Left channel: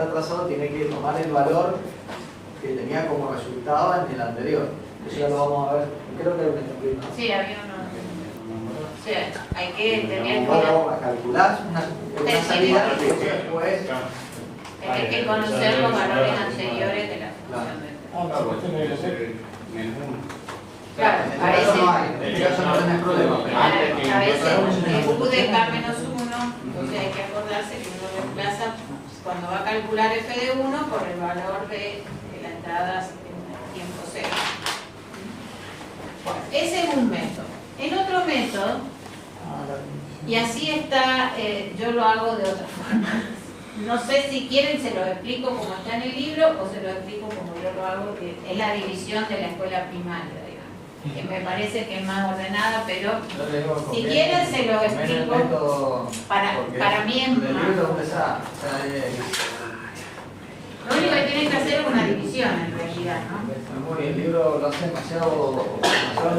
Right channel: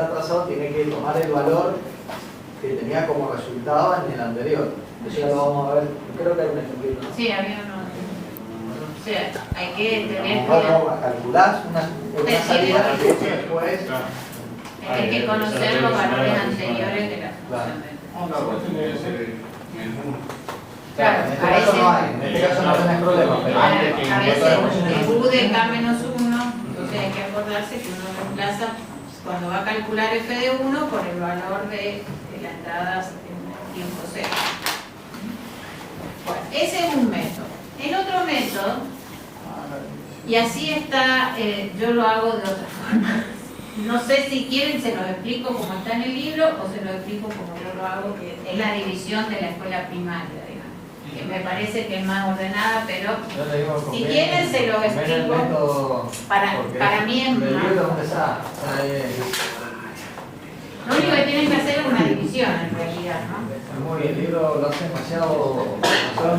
está trazado tiene que tomar el valor que tenía como resultado en el anterior. Eso ya lo vamos a ver. Creo que hay un ejemplo, ¿no? Sí, había uno. O sea, hay que tener Vamos a calcular una salida y después... hay que conocer los valores anteriores de la función del Claro, en este caso no hay, en este caso no tenés problema, pero a veces U de K menos 1, entonces hay que acordarse que uno reemplaza cuando va a calcular f de 1 por el valor de la entrada en tiempo cero. Bueno, ese es un método. El otro método, y así está, yo lo hago de otra forma. No sé si quieren, se lo explico como está en el libro o se lo explico como yo lo hago, que es la división de la escuela primaria, digamos, que me parece que es más ordenada, pero si quieren se lo explico. Para mí es más. Lo único que tienen que hacer es una división en realidad, ¿no? Muy bien, el libro lo hace demasiado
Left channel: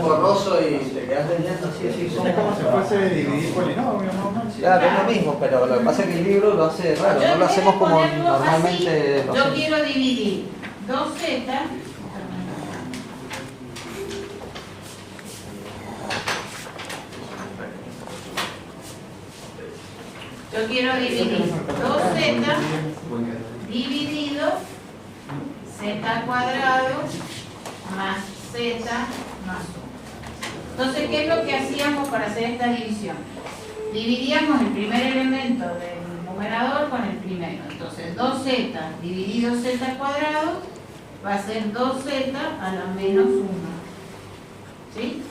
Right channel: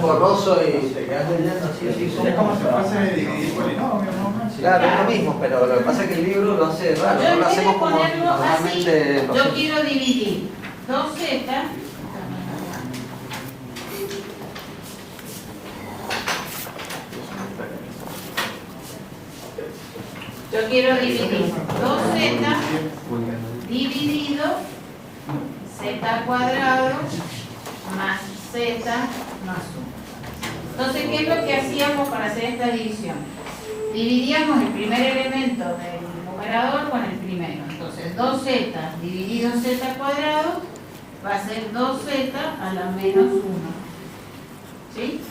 borroso y te quedas leyendo así. Es como si fuese dividir polinomios, ¿no? Claro, es lo mismo, pero lo que pasa es que el libro lo hace raro, no lo hacemos como normalmente. Así, yo quiero dividir 2z. Yo quiero dividir 2z dividido z cuadrado más z más 1. Entonces, ¿qué es lo que hacíamos para hacer esta división? Dividíamos el primer elemento del numerador con el primero. Entonces, 2z dividido z cuadrado va a ser 2z a la menos 1. ¿Sí?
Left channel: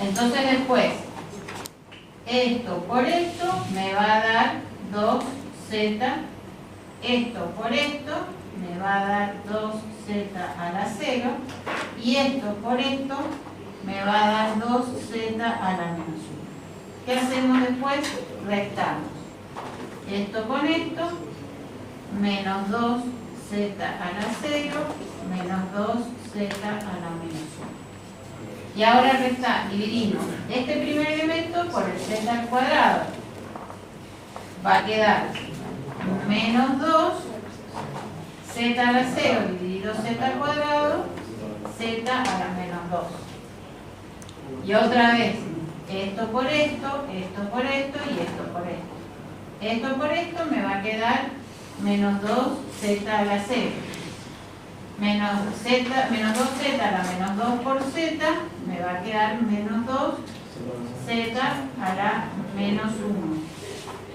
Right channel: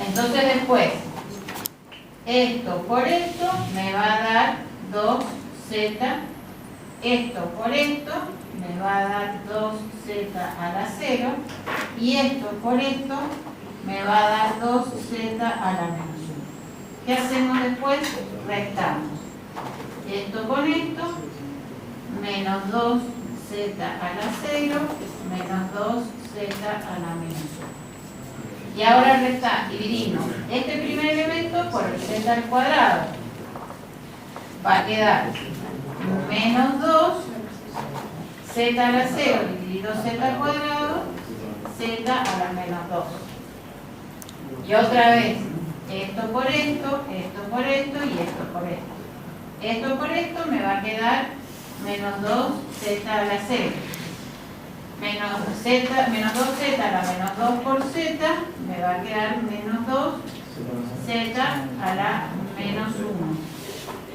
Entonces, después, esto por esto me va a dar 2z. Esto por esto me va a dar 2z a la 0 y esto por esto me va a dar 2z a la menos 1. ¿Qué hacemos después? Restamos. Esto con esto, menos 2z a la 0, menos 2z a la menos 1. Y ahora dividimos este primer elemento por el z al cuadrado. Va a quedar menos 2 z a la 0 dividido z al cuadrado, z a la menos 2. Y otra vez, esto por esto y esto por esto. Esto por esto me va a quedar menos 2z a la 0. Menos 2z a la menos 2 por z me va a quedar menos 2z a la menos 1.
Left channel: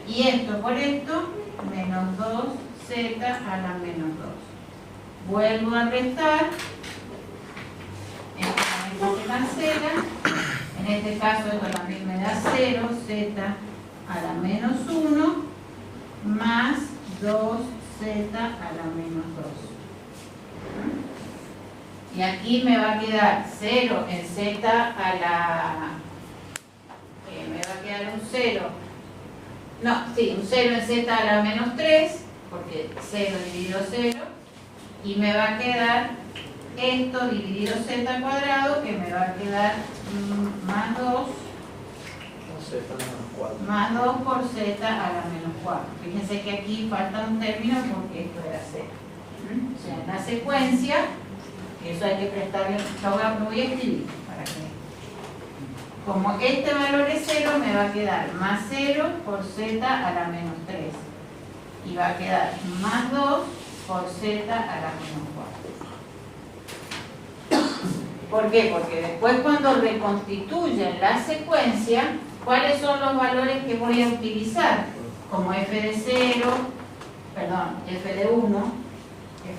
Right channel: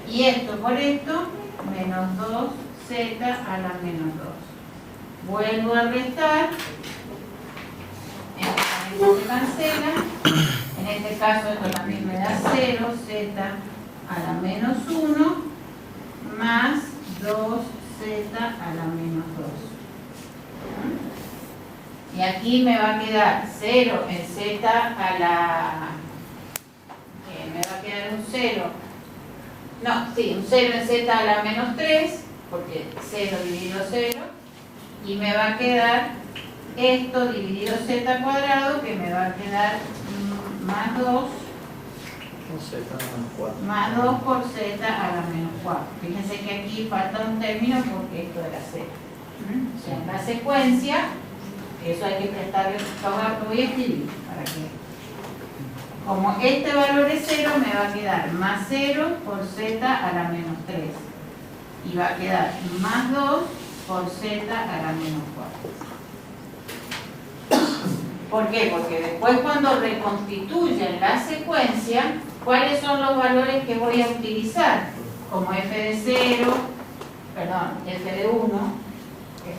Y esto por esto, menos 2z a la menos 2. Vuelvo a restar. Esto se cancela. En este caso esto también me da 0z a la menos 1 más 2z a la menos 2. Y aquí me va a quedar 0 en z a la... me va a quedar un 0. No, sí, un 0 en z a la menos 3, porque 0 dividido 0, y me va a quedar esto dividido z cuadrado, que me va a quedar más 2, más 2 por z a la menos 4. Fíjense que aquí falta un término porque esto era 0. O sea, en la secuencia, eso hay que prestarle, lo voy a escribir para que... Como este valor es 0, me va a quedar más 0 por z a la menos 3. Y va a quedar más 2 por z a la menos 4. ¿Por qué? Porque después cuando reconstituyen la secuencia, ¿cuáles son los valores que voy a utilizar? Como f de 0, perdón, f de 1.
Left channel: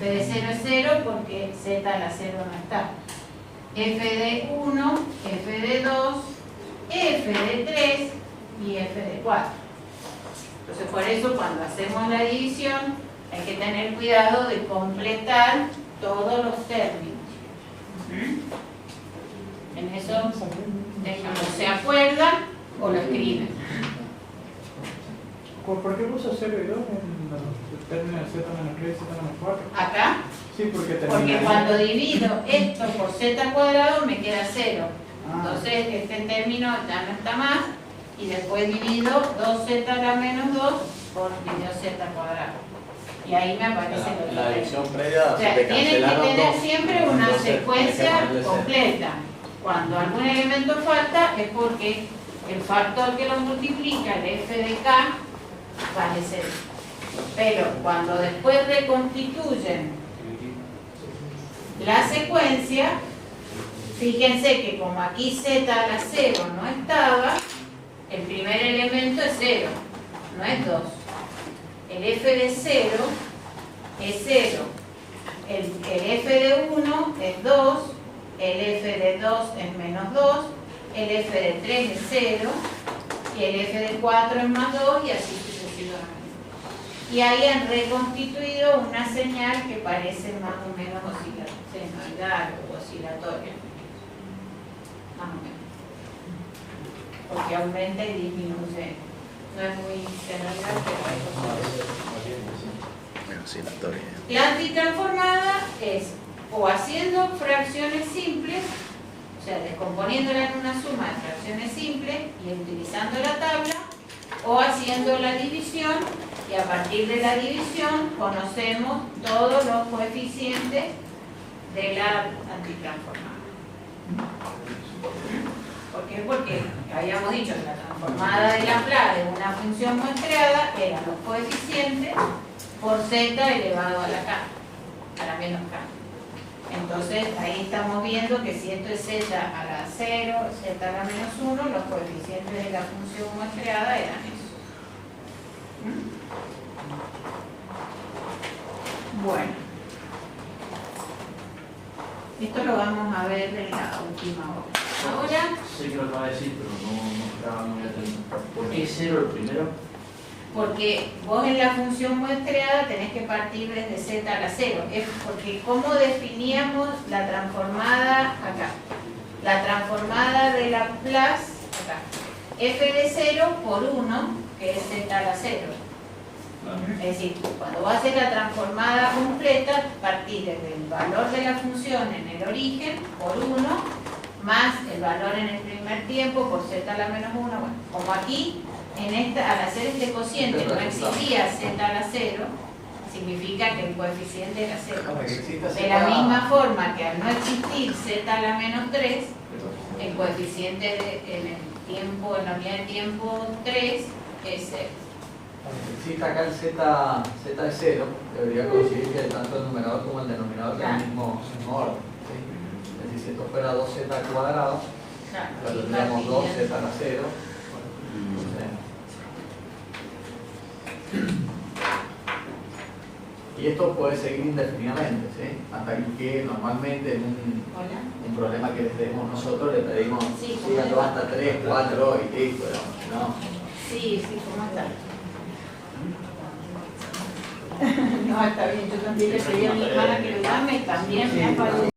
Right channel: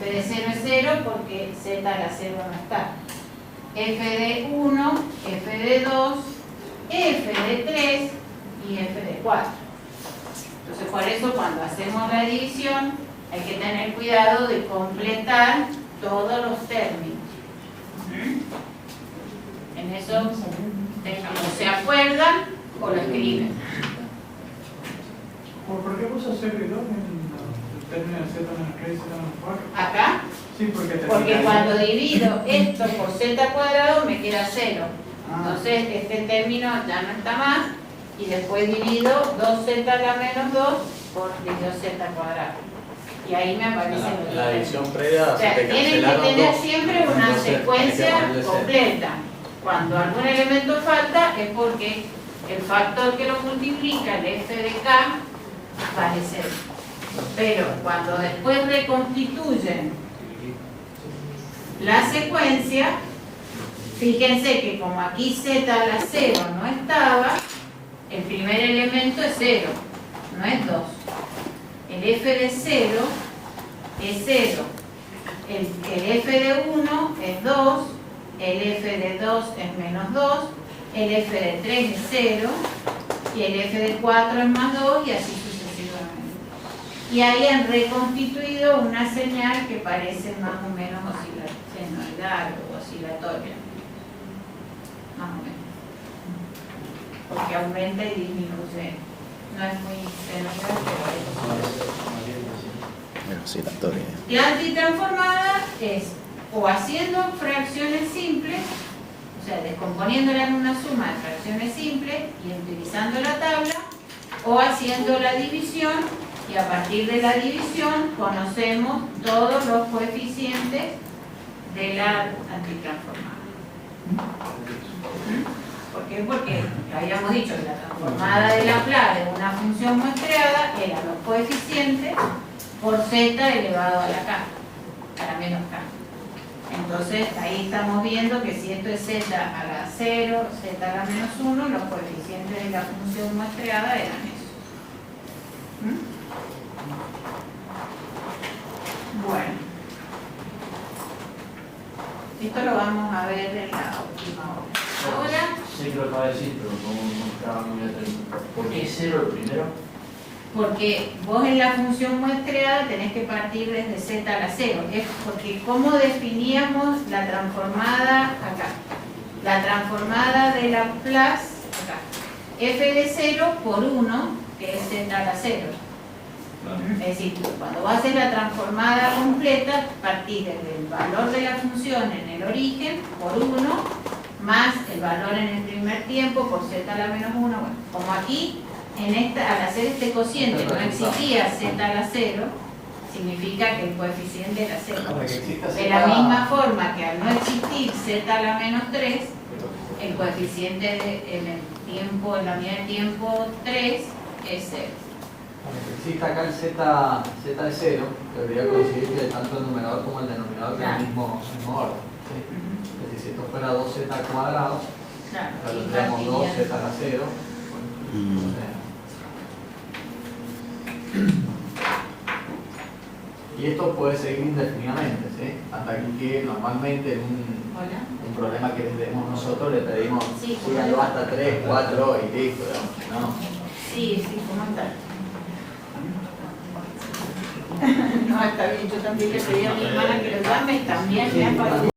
F de 0 es 0 porque z a la 0 no está. F de 1, F de 2, F de 3 y F de 4. Entonces, por eso cuando hacemos la división hay que tener cuidado de completar todos los términos. En eso no se acuerdan o lo escriben. ¿Por qué puso 0 y 2 en término de z menos 3 y z menos 4? ¿Acá? Sí, porque cuando divido esto por z cuadrado me queda 0. Entonces este término ya no está más y después divido 2z a la menos 2 por dividido z cuadrado. y ahí me aparece lo La que división previa o sea, se te tienen que cancelaron tener dos. siempre una Entonces, hay que secuencia ponerle cero. completa. Cuando algún elemento falta es porque el factor que lo multiplica, el f de k, vale 0. Pero cuando después reconstituyen la secuencia, fíjense que como aquí z a la 0 no estaba, el primer elemento es 0, no es 2. El f de 0 es 0. El f de 1 es 2, el f de 2 es menos 2, el f de 3 es 0, y el f de 4 es más 2, y así sucesivamente. Y ahí han reconstituido una señal que parece más o menos senoidal o oscilatoria. Más o menos. Porque aumenta y disminuye. No es muy senoidal, pero es oscilatoria. Oscilatoria. La antitransformada es o haciendo fracciones simples, o sea, descomponiéndola en una suma de fracciones simples y utilizando la tabla, o haciendo la división, y a partir de la división conocemos todos los coeficientes de la antitransformada. ¿Por qué? Porque habíamos dicho que la transformada de Laplace de una función muestreada eran los coeficientes por z elevado a la k, a la menos k. Entonces ahí estamos viendo que si esto es z a la 0, z a la menos 1, los coeficientes de la función muestreada eran esos. Bueno, esto lo vamos a ver en la última hora. Ahora, Sí, lo acaba de decir, pero no estaba muy atento. ¿Por qué es 0 el primero? porque vos en la función muestreada tenés que partir desde z a la 0. Es porque ¿cómo definíamos la transformada acá? La transformada de Laplace acá. F de 0 por 1, que es z a la 0. Es decir, cuando vos haces la transformada completa, partís desde el valor de la función en el origen por 1, más el valor en el primer tiempo por z a la menos 1. Bueno, como aquí, al hacer este cociente no existía z a la 0, significa que el coeficiente era 0. De la misma forma que al no existir z a la menos 3, el coeficiente en la unidad de tiempo 3 es 0. Aunque exista acá el z de 0, debería conseguir que tanto el numerador como el denominador tengan el mismo orden. ¿Sí? Es decir, si esto fuera 2z al cuadrado, Claro, tendríamos 2z a la 0. Y esto puede seguir indefinidamente, ¿sí? Hasta que normalmente en Hola. un problema que les demos nosotros le pedimos Sí, síganlo hasta 3, 4 y listo, ¿no? Sí, ¿cómo está? No, está bien, yo también le pedí a mi hermana que lo llame y también me ha parado.